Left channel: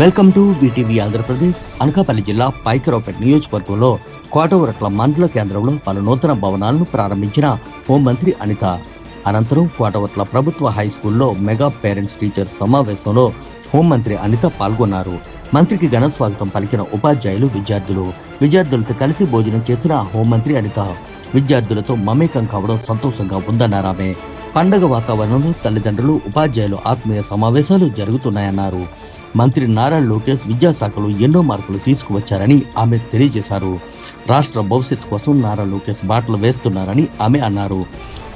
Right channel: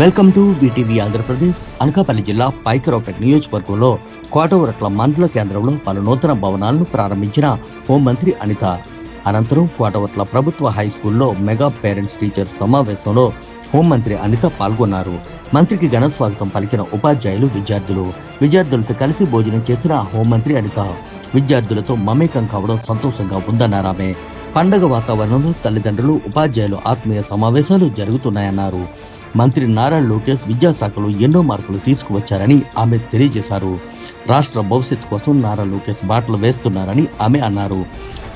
Welcome to VTV Andhra Pradesh. Anakapalli జిల్లా పైకరావుపేట నియోజకవర్గంలో కోటవరట్ల మండల కేంద్రంలో పలు నూతన భవనాలను ప్రారంభించిన హోంమంత్రి అనిత. అనంతరం కోటవరట్ల ప్రభుత్వ హై స్కూల్లో మెగా పేరెంట్స్ టీచర్స్ సమావేశంలో హోంమంత్రి అనిత పాల్గొన్నారు. మంత్రికి ఘన స్వాగతం పలికిన ఉపాధ్యాయులు, విద్యార్థులతో కలిసి భోజనం చేసిన హోంమంత్రి అనిత విద్యార్థులతో మమేకం కావడం సంతోషంగా ఉందన్నారామె. పండగ వాతావరణంలో తల్లిదండ్రులు, ఉపాధ్యాయులు ఆత్మీయ సమావేశాలు జరుగుతున్నాయన్నారు. మంత్రి నారా లోకేష్ విద్యాశాఖలో ఎన్నో మార్పులు తీసుకువచ్చారని ఆమె తెలియజేశారు. రాష్ట్ర భవిష్యత్తు కోసం నారా లోకేష్ బాటలు వేస్తున్నారని ఆమె అన్నారు.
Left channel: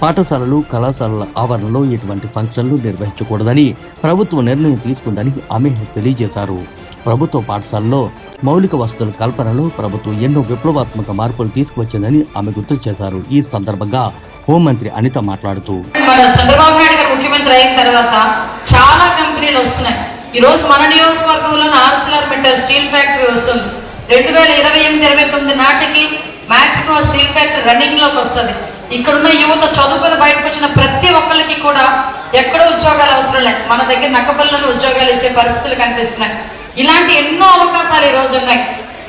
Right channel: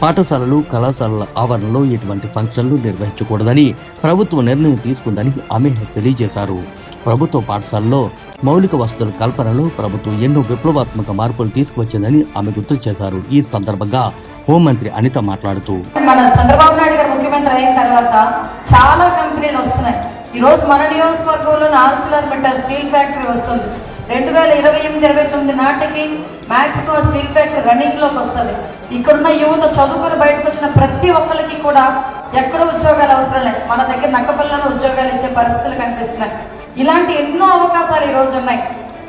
పాఠశాలలు, కళాశాలల ఆవరణలో ఎటువంటి ఫంక్షన్లు నిర్వహించకూడదని ప్రభుత్వం నిర్ణయం తీసుకుందని ఆమె తెలియజేశారు. ప్రభుత్వ పాఠశాలలో మౌలిక వసతుల కల్పనలో ప్రభుత్వం ఎన్నో విప్లవాత్మక మార్పులు తీసుకువచ్చిందని ఆమె గుర్తు చేశారు. ఈ సందర్భంగా హోంమంత్రి అనిత మాట్లాడుతూ, చంద్రబాబు నాయుడు గారు ముఖ్యమంత్రి అయిన తర్వాత చాలా కంపెనీలు వస్తున్నాయి. ఈ రోజు మన నియోజకవర్గంలో ఆర్సిలర్ స్టీల్ ఫ్యాక్టరీ వస్తుంది. 2028-29 నాటికి మాక్సిమం స్టీల్ ఫ్యాక్టరీ రన్నింగ్ లోకి వస్తుంది. ఇక్కడున్న యువత చదువుకుని బయటకు వచ్చిన ప్రతి ఒక్కరికి కూడా ఎక్కడో ఉద్యోగాలు అవసరం లేదు, మన దగ్గర నక్కపల్లిలో ఉద్యోగాలు ఇచ్చే పరిస్థితులు కనిపిస్తున్నాయి. ఇలాంటి ఎన్నో అవకాశాలు ఈ రోజు ఉన్నాయి.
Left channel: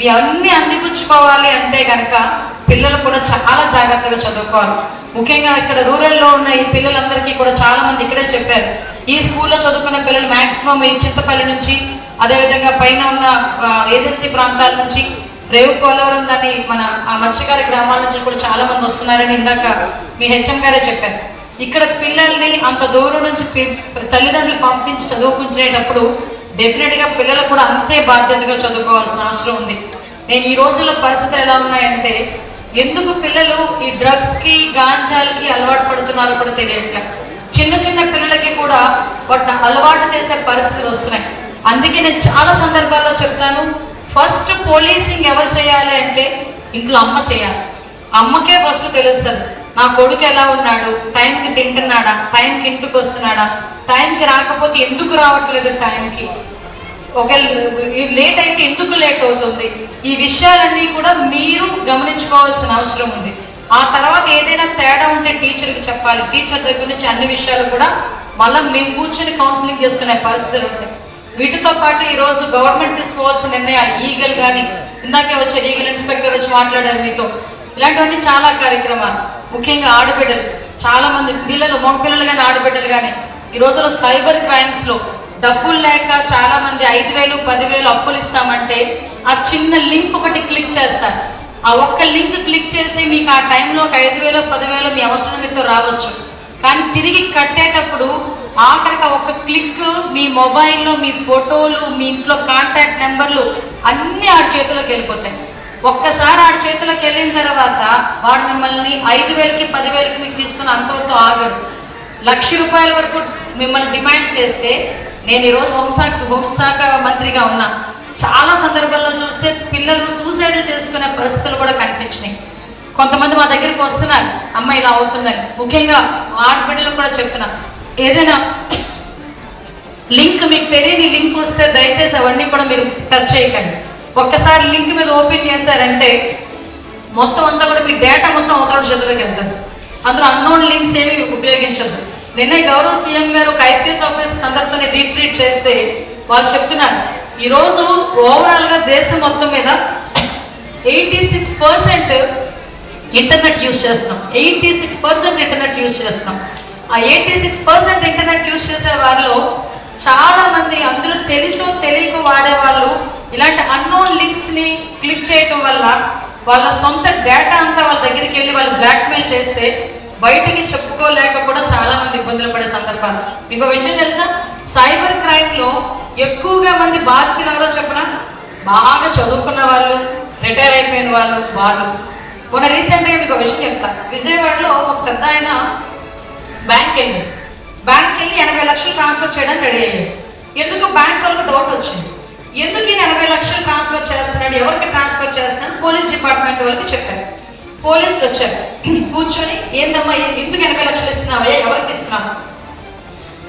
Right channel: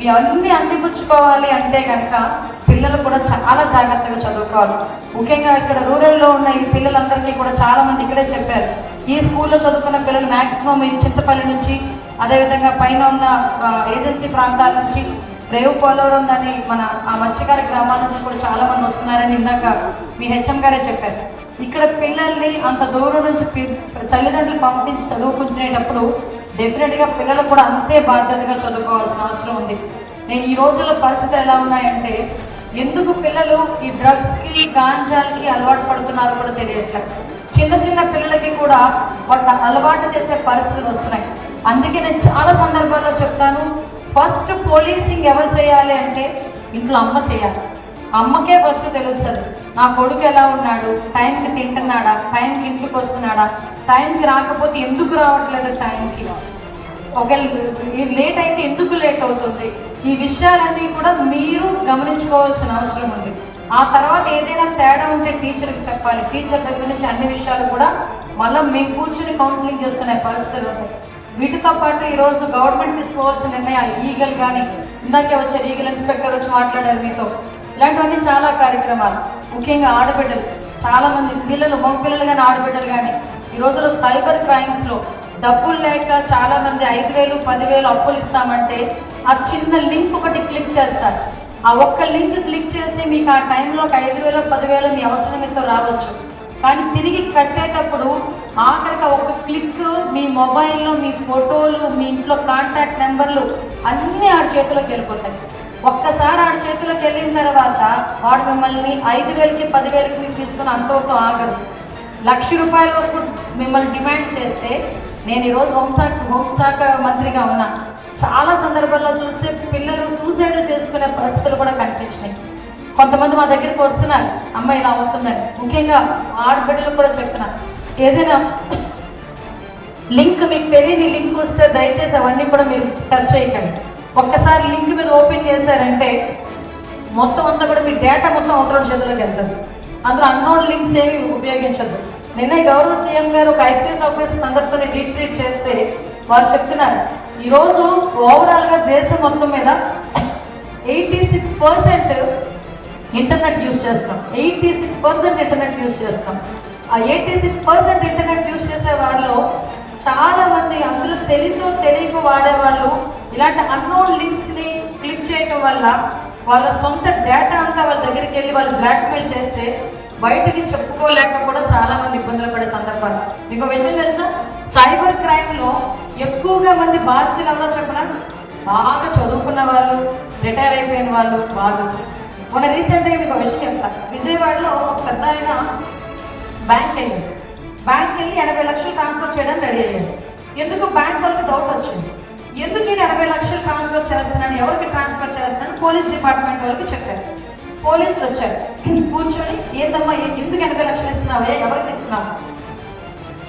ఇవన్నీ అందిపుచ్చుకోవాలి అంటే కనుక పిల్లలు కూడా చాలా జాగ్రత్తగా చదువుకోవాలి. ముఖ్యంగా ఇక్కడ రూరల్లో ఉన్న ఈ పిల్లలందరికీ కూడా చాలా మంది ఇక్కడే చెప్పారు, ఈ స్కూల్లో చదువుకున్న పిల్లలు మాక్సిమం ఈ చింతపల్లి నుంచి, అదేవిధంగా పైన ఉన్న ఏజెన్సీ ప్రాంతాల నుంచి, రేవు పోలవరం దాన్ని మన ఆ మత్స్యకార గ్రామాల నుంచి కూడా చాలా మంది వస్తున్నారని ఇందాక మీ హెచ్ఎం గారే చెప్పారు. ఇక్కడ పిల్లల్ని అంత దూరం నుంచి తల్లిదండ్రులు పంపించి చదువుకుంటునేటప్పుడు డెఫినెట్ గా పిల్లలు కూడా అంతే బాధ్యతగా చదువుకోవాల్సిన అవసరం ఉంది. నేను ఈ రోజుల్లో పరిస్థితులు ఎలా ఉన్నాయంటే, ఎందుకు పిల్లలు ఈ డ్రగ్స్ కి, గాంజాలకి అలవాటు పడుతున్నారో కూడా తెలియట్లేదు. చిన్న చిన్న పిల్లలకి కూడా వాటిని అలవాటు చేసే పరిస్థితులు వస్తున్నాయి. అందుకే నేను చాలా సందర్భాల్లో చెప్తాను, ఫస్ట్ పోలీసింగ్ ఎవరు చేయాలి అంటే ఇంట్లో అమ్మ చేయాలి. అమ్మకే ఫస్ట్ తెలుస్తుంది, నా కొడుకు ఎలా ఉన్నాడు, టైంకి తింటున్నాడా, టైంకి ఇంటికి వస్తున్నాడా, టైంకి రాకపోతే ఎందుకు రావట్లేదు, టైంకి ఒకవేళ లేట్ అయితే ఎందుకు లేట్ అవుతుంది. ఈ విషయాలన్నీ కూడా మీరు గమనించుకోవాల్సిన అవసరం ఉంది. ఆ తర్వాత ఏదైనా తేడా ఉంటే టీచర్కి చెప్పాలి. టీచర్ దగ్గర నుంచి అన్ని విషయాలు కూడా మళ్ళీ మేము కూర్చొని కౌన్సిలింగ్ చేసుకునే పరిస్థితులు ఉంటాయి. వీటితో పాటు ఈరోజు గవర్నమెంట్ తీసుకోవాల్సిన నిర్ణయాలు, ఈగల్ కానీ ఇందాకే వచ్చారు, ఈగల్ ఇన్స్పెక్టర్ వచ్చి మాట్లాడారు మీతో, ఇలాంటివన్నీ చాలా కార్యక్రమాలు. ముఖ్యంగా ఆడబిడ్డలు, చాలా మంది పిల్లలు, మగపిల్లలు కానీ ఆడబిడ్డలు కానీ ఈ రోజులో సైబర్ క్రైమ్స్ లో డబ్బులు లేక చాలా మంది 5,000, 10,000 అప్పులు ఇస్తామంటే ఆ చిన్న లింక్ ఒకటి క్లిక్ చేస్తారు. ఆ ఒక్క లింక్ క్లిక్ చేసి మీకు ఆ టైంలో ఒక 5,000, 10,000 మీ అవసరమైతే రావచ్చు. కానీ తిరిగి కట్టేటప్పుడు ఆఖరికి ఒక క్లిక్ మీ మొబైల్లో మీ ఫోటోలు, మీ ఇంట్లో కాంటాక్ట్ నెంబర్లు అన్నీ ఆడి చేతిలోకి వెళ్ళిపోతాయి. ఒక్కసారి ఆడి చేతిలోకి వెళ్ళిన తర్వాత వాడు మిమ్మల్ని 5,000కి, 10,000కి మీకు తీసుకుని అంతవరకు ఆగరు. ₹1,00,000 వరకు మిమ్మల్ని డిమాండ్ చేస్తే, నేను ఈరోజు హోంశాఖ మంత్రిగా ఉన్నా, చాలా సందర్భాల్లో చూస్తే పిల్లలు సూసైడ్ చేసుకునే పరిస్థితులు కూడా కనిపించినాయి. కొంతమంది మా దగ్గరికి వస్తున్నారు, అమ్మ ఇలా అవుతుందని. ముఖ్యంగా ఆడబిడ్డలకు కూడా చెప్తున్నా, ఏదైనా లింక్ మీకు తెలియని లింక్ వస్తే దయచేసి అవన్నీ కూడా మీరు టచ్ చేయకండి. ఒక్కసారి లింక్ మీద ఓపెన్ చేశారంటే మొత్తం అంతా కూడా మీ డేటా మొత్తం అవతల చేతుల్లోకి వెళ్తుంది. అందులో అన్నోన్ లింక్స్ ఏమి ఉపయోగించద్దు. నిన్న గౌరవ సీఎం గారు ఒక ఐపీఎస్ ఆఫీసర్ అందరితో రీట్రీట్ చేస్తే వాళ్ళు చెప్తున్నారు, ఈరోజు ఓవరాల్ గా దేశం మొత్తం మీద 86% ఇంటర్నెట్ యూజ్ చేస్తాం. 86% ఇంటర్నెట్ యూజ్ చేస్తాం. ఆ 86% ఇంటర్నెట్ యూజ్ చేసే వారిలో చాలా మంది, అందులో తెలుసో తెలియక వాడేవాళ్ళు ఇలాంటి అన్నోన్ లింక్స్ ని క్లిక్ చేయటం వల్ల వాళ్ళ సొంత డేటా అంతా వాళ్ళ దగ్గరికి వెళ్ళి వాళ్ళు బ్లాక్మెయిల్ చేస్తే బయటికి చెప్పుకోలేక కూడా చాలా మంది ఇబ్బందులు పడే సందర్భాలు. మీకు విషయం తెలుసా, సైబర్ క్రైమ్ లో ఎక్కువగా మంది బాధితులు ఎవరో చెప్పనా, బాగా చదువుకున్న వాళ్ళు, రిటైర్ అయిపోయిన వాళ్ళు. మొన్న రీసెంట్గా మీకు విషయం చెప్తా, విజయవాడలో ఒక పెద్ద ఆయన బ్యాంక్కి వెళ్ళి 80 లక్షలు ట్రాన్స్ఫర్ చేయడానికి రెడీ అయ్యాడు. ఎందుకు బ్యాంక్ వాళ్ళకి డౌట్ వచ్చింది, ఎందుకు ఈయన 80 లక్షలు ట్రాన్స్ఫర్ చేస్తున్నాడు, ఎవరికి ట్రాన్స్ఫర్ చేస్తున్నాడు, పోలీస్ డిపార్ట్మెంట్ వాళ్ళకి చెప్పారు. పోలీసులు వచ్చారు, కూర్చొని ఏందమ్మా ఎందుకు 80 లక్షలు ఇస్తున్నావే, ఎవరికి ఇస్తున్నావు,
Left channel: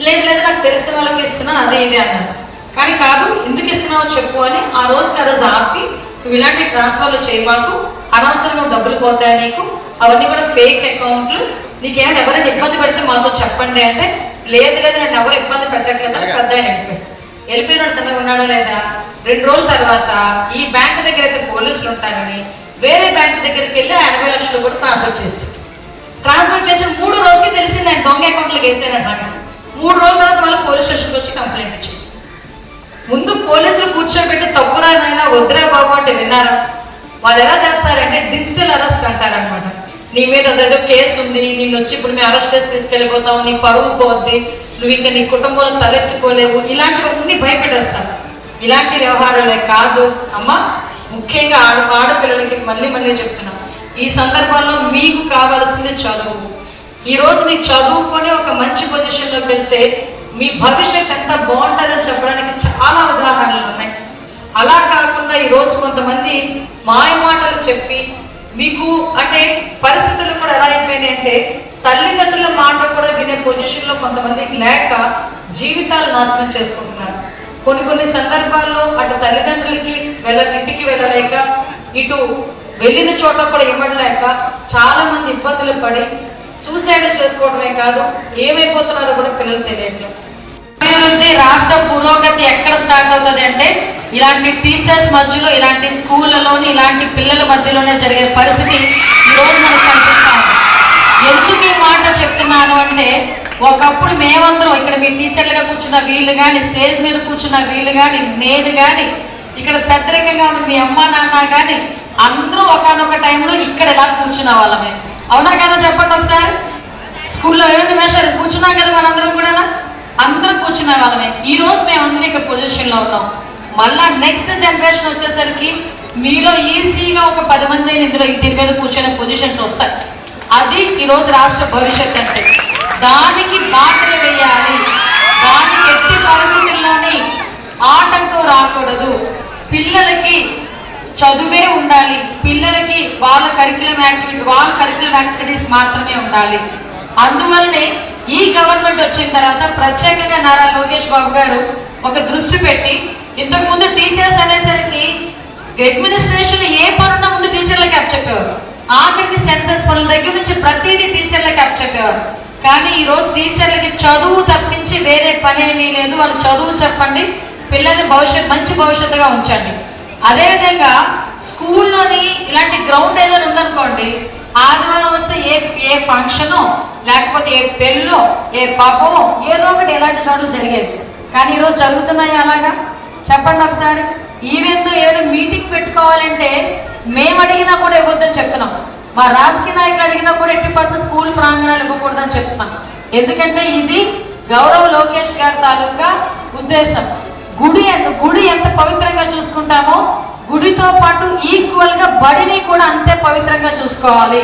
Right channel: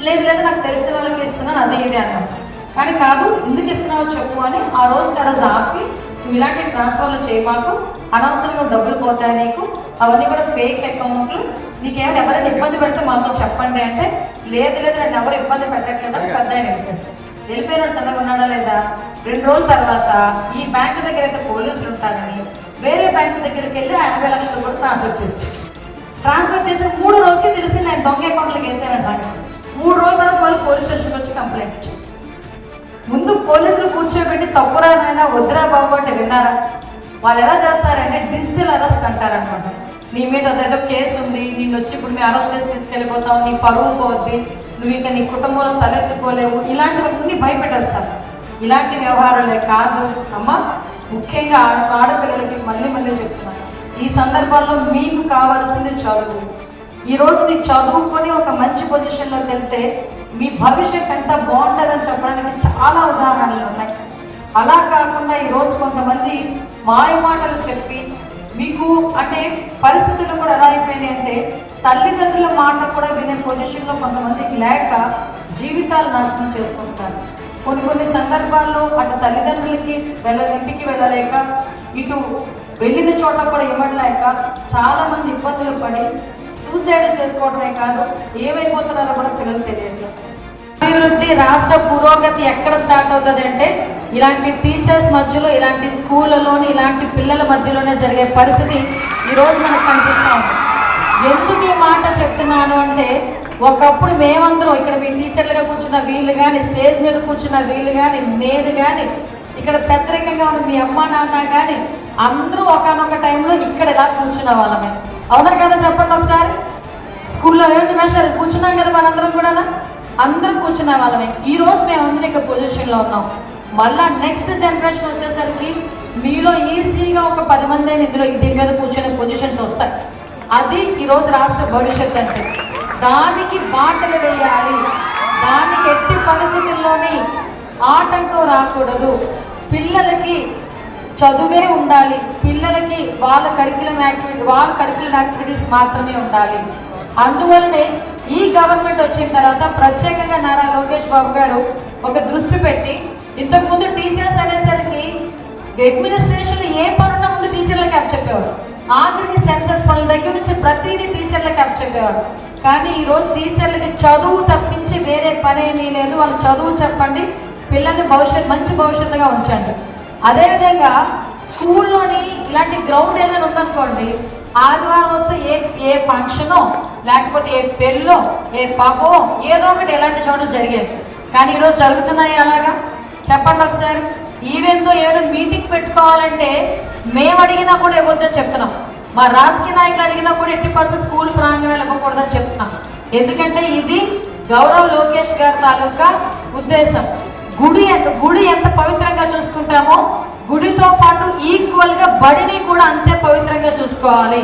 లేదు నాకు తెలిసిన వాళ్ళకి ఇస్తున్నాను, అదే ఇదే అన్నారు. కానీ కాదు, ఎందుకు ఇస్తున్నావో చెప్పు అని ఆ రోజు ఆపి, నువ్వు ఇలాంటి ట్రాన్స్ఫర్లు చేయమాకు, అనవసరంగా డబ్బులు పోతాయి నీకు, అవన్నీ కూడా ఫేక్ అకౌంట్లు, నీకేమైనా ఎవరైనా ఇబ్బంది పెడితే మాతో చెప్పండి అంటే, లేదు నన్ను ఎవరు ఇబ్బంది పెట్టట్లేదు అని పెద్ద ఆయన వెళ్ళిపోయిన తనకు ఉన్నాడో లేదా, 2 రోజుల తర్వాత ఈ బ్యాంక్ దగ్గర అయితే పోలీసులు ఉంటారని వేరే బ్యాంక్ దగ్గరికి వెళ్ళి 80 లక్షలు కూడా ట్రాన్స్ఫర్ చేసి 3 రోజులకి తెలిసింది ఆయన దొంగ అకౌంట్లోకి వేసారని సంగతి. 3 రోజుల తర్వాత వాళ్ళు పోలీస్ స్టేషన్కి వచ్చి కంప్లైంట్ ఇచ్చారు. ముందు పోలీసులు కూర్చోబెట్టి తప్పురానైనా వద్దురా బాబు అంటే విన్నారా? వాళ్ళు ఎలా చేస్తారంటే డిజిటల్ అరెస్ట్ అంటారనమాట. నీ మీద ఏదో కేసు ఉంది, నిన్ను వచ్చి ఇప్పుడు మేము అరెస్ట్ చేసి తీసుకెళ్ళిపోతావు, నీ పరువు పోద్ది, నువ్వు ఇంకా నీ కుటుంబంలో తలెత్తుకోలేవు, ఇలాంటివన్నీ భయపెట్టేస్తారు. ఇలాంటి వ్యవహారాలే కాదు అమ్మా, ముఖ్యంగా ఆడపిల్లలకి మళ్ళీ చెప్తున్నాం, ఈ సందర్భాల్లో మీకు కావాల్సింది చదువు. ఈరోజు మీకు చదువుకొని ఒక మంచి పొజిషన్లోకి వెళ్తే మీ భవిష్యత్ ఎంత బాగుంటుందని చెప్పడానికి చాలా ఉదాహరణలు ఉన్నాయి. అలా కాకుండా ఈరోజు కొంతమంది మాయ మాటలు చెప్పి మీకు అంటే పరిస్థితులు కూడా ఎలా అయిపోయినాయి అంటే తల్లిదండ్రుల మాట కూడా వినే పొజిషన్లో కొంతమందికి లేక జీవితాలు నాశనం చేసుకుంటున్నారు. కొన్ని సందర్భాల్లో అటు తల్లిదండ్రులకి ఇంటికి వెళ్ళలేక, ఇటు వెళ్ళిన చోట కూడా ఇవ్వలేక చాలా మంది ఇబ్బందులు పడి సూసైడ్ చేసుకోవడమే కాదు ఏమైపోతున్నారో కూడా పిల్లలు తెలియదు. అభివృద్ధి రాష్ట్ర పురోగతి ఎక్కడ స్టార్ట్ అవుతుంది అంటే ఇలాంటి టీచర్స్ మధ్యలో, ఇలాంటి స్కూళ్ళలోని ఇలాంటి పిల్లల మధ్యలోనే జరిగే పరిస్థితి ఈరోజు మనకు కనిపిస్తాం. ఎందుకు ఈ మాట చెప్తున్నాను అంటే ఒకప్పుడు మేమందరం ఇక్కడ మీ టీచర్లుగా కూర్చున్న వీళ్ళు కానీ, స్టేజ్ మీద కూర్చున్న వీళ్ళు కానీ, నేను కానీ, ఇక్కడ పెద్దరికంగా ఉన్న మీ అమ్మ నాన్న కానీ అందరూ ఒకనొక టైంలో ఇక్కడ ఎలా కూర్చున్న వాళ్ళమే. అవునా కదా చెప్పండి ఒకసారి. స్కూల్లో ఏమిటి మేషారు కూర్చున్నాం కదా మనందరం కూడా, అందరూ కూర్చున్న వాళ్ళమే. ఈ రోజు మేమందరం ఇక్కడ పొజిషన్లో ఉన్నాం. మళ్ళా నెక్స్ట్ జనరేషన్ వచ్చేసరికి మీలో ఈజీగా ఒక 10 మంది ఇందులో దీని మీద కూర్చునే పొజిషన్స్ వస్తాయి. అది ఈరోజు రాష్ట్ర భవిష్యత్ అంటే. దానికి బాటలు వేయాలి, దానికి ఎట్టి పరిస్థితుల్లోని ఆటంకం రాకూడదు. పిల్లలకి చదువే ఉండాలి, పిల్లలకి వాళ్ళ కరికులం యాక్టివిటీస్ మాత్రమే ఉండాలి. అందువల్లనే ఈ గవర్నమెంట్ వచ్చిన తర్వాత ప్రత్యేకంగా నారా లోకేష్ బాబు గారు ఒక దృష్టి పెట్టి, ఇంతకుముందు టీచర్స్ అనేసరికి అడ్మినిస్ట్రేషన్ ఏ పనున్న ముందు టీచర్లకి అప్పచెప్పేవారు, ఆఖరికి సెన్సస్ పనుల దగ్గర నుంచి ప్రతిదీ టీచర్లకి అప్పచెప్పేవారు. కానీ ఈరోజు టీచర్లకి చదువు తప్పించి వేరే పని ఏమీ లేదు. వాళ్ళు చదువు చెప్పండి, పిల్లల్ని మంచి భవిష్యత్తుగా ఉంచండి. అదేవిధంగా స్కూల్లోని ఇలాంటి గ్రౌండ్ ఏదైనా ఉందనుకోండి, ఆదివారం వస్తే ఏ ఫంక్షనో లేకపోతే ఏ పెళ్ళో ఏ పాపో ఏదో ఒకటి ఎలాంటి చోట్ల జరిగేది. కానీ ఈరోజు జరుగుతున్నాయి అలాగా? చెప్పండి ఒకసారి. ఈవెంట్తో ఏదో మీటింగ్ పెట్టుకోవాలంటే మేము అడిగినా కూడా ఇవ్వద్దని చెప్తున్నాం. మా రాజకీయ నాయకులు అడిగినా కూడా 80% స్కూల్ ప్రాంగణాలు ఇవ్వకూడదని చెప్తున్నాం. ఎందుకంటే ఇది గౌరవ లోకేష్ గారి తాలూకా ఉద్దేశం. గుడి ఎంత పవిత్రంగా చూసుకుంటామో గుడితో పాటు ఈక్వల్గా బడిని కూడా అంతే పవిత్రంగా చూసుకోవాలి.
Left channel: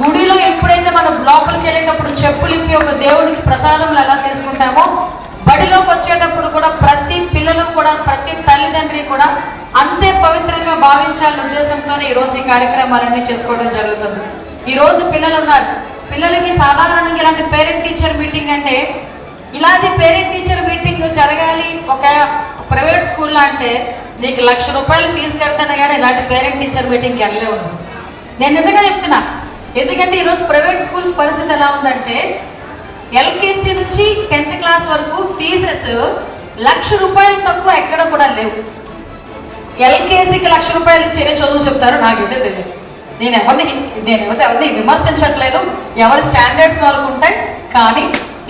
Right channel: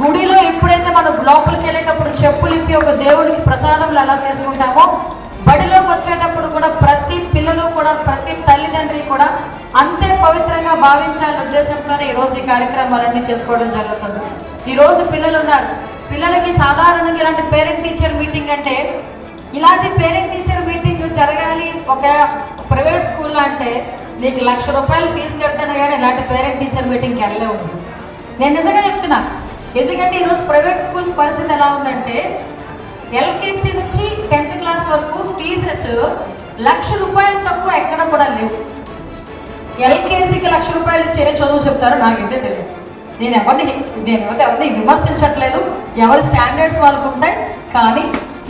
గుడిలో ఎప్పుడైతే మనం లోపలికి వెళ్ళేటప్పుడు చెప్పులు ఇప్పి ఒక దేవుడికి ప్రసాదంలో ఎలా తీసుకుంటామో, బడిలోకి వచ్చేటప్పుడు కూడా ప్రతి పిల్లలు కూడా, ప్రతి తల్లిదండ్రి కూడా అంతే పవిత్రంగా భావించాలనే ఉద్దేశంతోనే ఈరోజు ఈ కార్యక్రమాలన్నీ చేసుకోవడం జరుగుతుంది. ఈరోజు పిల్లలు ఉన్నారు, పిల్లలకి సాధారణంగా ఇలాంటి పేరెంట్ టీచర్ మీటింగ్ అంటే, ఇలాంటి పేరెంట్ టీచర్ మీటింగ్ జరగాలి ఒక ప్రైవేట్ స్కూల్లో అంటే నీకు ₹1,00,000 ఫీజు కడతానే కానీ ఇలాంటి పేరెంట్ టీచర్ మీటింగ్కి వెళ్ళలేవు. నేను నిజంగా చెప్తున్నా. ఎందుకంటే ఈరోజు ప్రైవేట్ స్కూల్స్ పరిస్థితి ఎలా ఉందంటే ఎల్కేజీ నుంచి 10th క్లాస్ వరకు ఫీజెస్ ₹1,00,000 తక్కువ ఎక్కడ కూడా లేవు. ఎల్కేజీకి ₹1,00,000 ఇచ్చే చదువు చెప్తారు నాకైతే తెలియదు. నేను ఎవరిని విమర్శించట్లేదు, ఎవరి స్టాండర్డ్స్ వాళ్ళకు ఉంటాయి. కానీ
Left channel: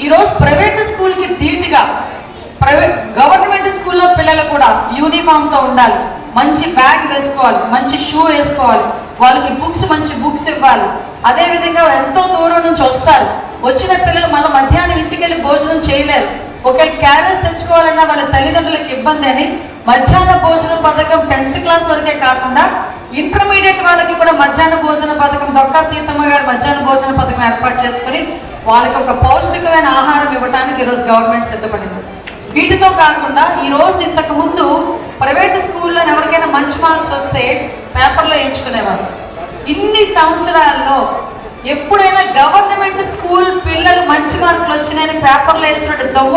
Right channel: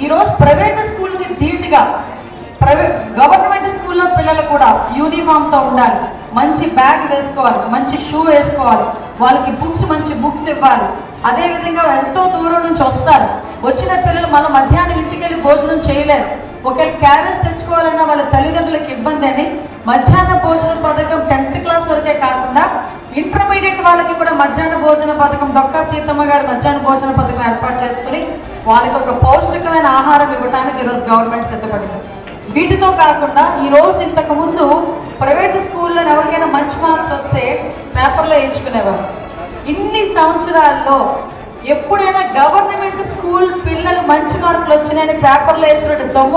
ఈరోజు ప్రైవేట్ స్కూల్కి ధీటుగా గవర్నమెంట్ స్కూల్లో పిల్లలు కూడా యూనిఫామ్తో ఉండాలి, మంచి బ్యాగ్ వేసుకోవాలి, మంచి షూ వేసుకోవాలి, వాళ్ళకి మంచి బుక్స్ ఇవ్వాలి. అదేవిధంగా ఎంతో దూరం నుంచి వస్తారు, వచ్చిన పిల్లలు మళ్ళీ మధ్యాహ్నం ఇంటికి వెళ్ళి భోజనం చేయలేరు. ఒకవేళ క్యారేజ్ తెచ్చుకోవాలన్నా వాళ్ళ తల్లిదండ్రులకు ఇబ్బంది అని మధ్యాహ్న భోజన పథకం 10th క్లాస్ వరకే కాకుండా ఇంటర్మీడియట్ వాళ్ళకి కూడా మధ్యాహ్న భోజన పథకం, డొక్కా సీతమ్మ గారు మధ్యాహ్న భోజన పథకం ఏర్పాటు చేసుకుని వాళ్ళకి ఒక పౌష్టికమైన ఆహారం ఇవ్వడానికి ఈరోజు గవర్నమెంట్ సిద్ధపడింది. వీటితో కాకుండా ఈరోజు ఇంతకు ముందు ప్రైవేట్ స్కూల్లో ఎవరికైనా మంచి మార్క్స్ వస్తే పేపర్లో ఎంచుకునేవారు. ఇన్ని సంవత్సరాల్లో ఎప్పుడైనా గవర్నమెంట్ స్కూల్ పిల్లలు మంచి మార్కులు వచ్చినాయని పేపర్లో వేసినట్టు దొంగ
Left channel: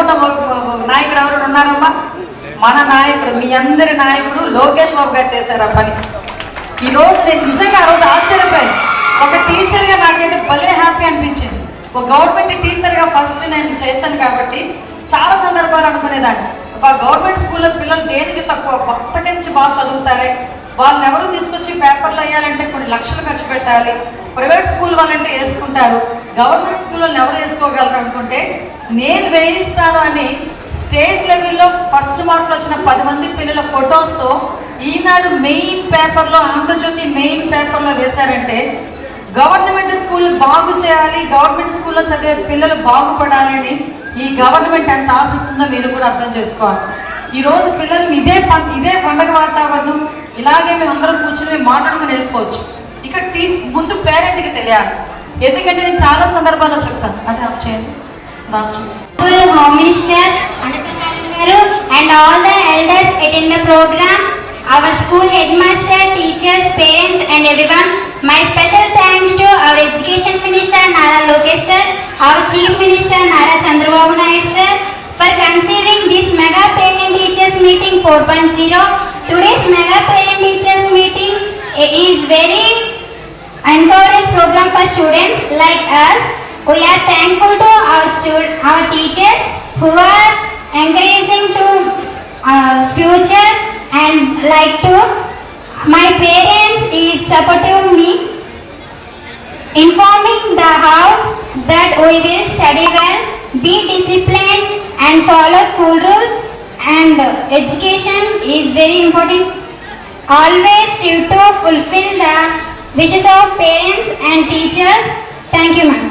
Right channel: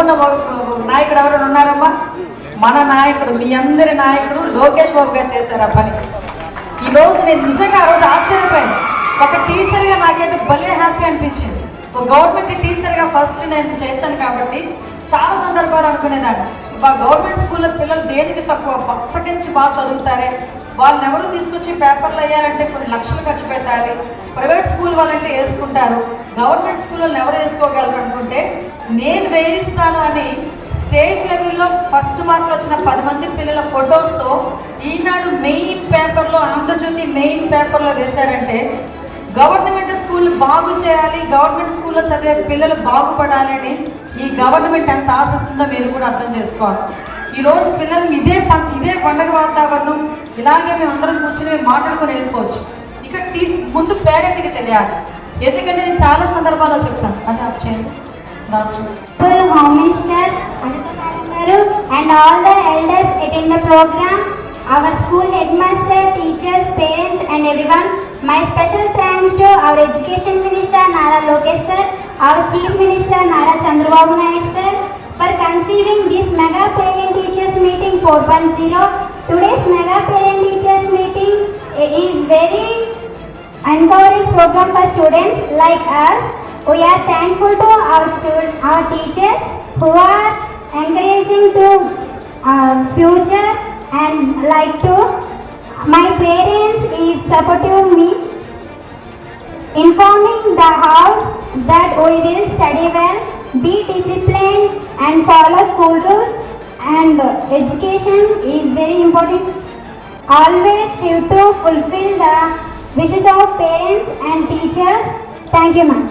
నాయకుడు ఎవరు ఉన్నారమ్మా? మన నాయకుడు, మీ అందరి నాయకుడు లోకేష్ బాబు గారు చేశారు ఆ పని. ఈరోజు నేను నిజంగా ఆ రోజు ఆశ్చర్యపోయాను. ఒక టీచర్గా నాకైతే భలే హ్యాపీ అనిపించింది. ఒక గవర్నమెంట్ టీచర్గా ఫస్ట్ నేను చేశాను కాబట్టి చాలా సందర్భాలు అనుకునేదాన్ని, గవర్నమెంట్ స్కూల్లో పిల్లలు దేనికి తక్కువ, అప్పటి నుంచి బాగా చదువుతారే, వాళ్ళని ఎవరు తీసుకొచ్చి పేపర్లు వేయాలంటే కొన్ని లక్షలు ఖర్చు పెట్టాలి. ప్రైవేట్ స్కూల్ వాళ్ళంటే వేసుకుంటారు, గవర్నమెంట్ స్కూల్ వాళ్ళని ఎవరు వేసుకోగలరు అనుకుంటే నేను వేయిస్తాను అని స్టేట్ లెవెల్లో ఫస్ట్ మార్కులు వచ్చిన 10 మంది పిల్లల ఫొటోస్తో ఈనాడు మెయిన్ పేపర్లో, ఆంధ్రజ్యోతి మెయిన్ పేపర్లో వేశారంటే గవర్నమెంట్ స్కూల్ బాగు చేయాలి, గవర్నమెంట్ స్కూల్లో చదివే పిల్లలు బాగుపడాలి అని ఈ గవర్నమెంట్ ఎంత ఆశిస్తుందో మీరు కూడా అర్థం చేసుకోవాలి. ఈరోజు పిల్లలు ఇదే పండగ వాతావరణం, ఇలాగే మేము అందరం కూర్చొని మాట్లాడుకొని వెళ్ళిపోవచ్చు. ఇక ముందు పేరెంట్కి తెలియాలి, ఎందుకంటే నేను చాలా సందర్భాల్లో చెప్తాను. అది ఆఫ్ చేయండి, ఆఫ్ చేయండి. Home Minister and all the elders attend the program, our school headmaster, teachers, parents and everyone. My special thanks to our Education Minister Nara Lokesh sir, our Chief Minister Nara Chandrababu Naidu sir for conceiving this Mega Parent Teachers Meeting 4.0. Today's Mega Parent Teachers Meeting is very encouraging program for students like us. We are thankful to our teachers who are encouraging to future, and like to my parents is supportive me, informing the house that we will study well, be disciplined and follow school rules, and education is very important. Always strive to fulfill the wishes of parents and teachers. Thank you, ma'am.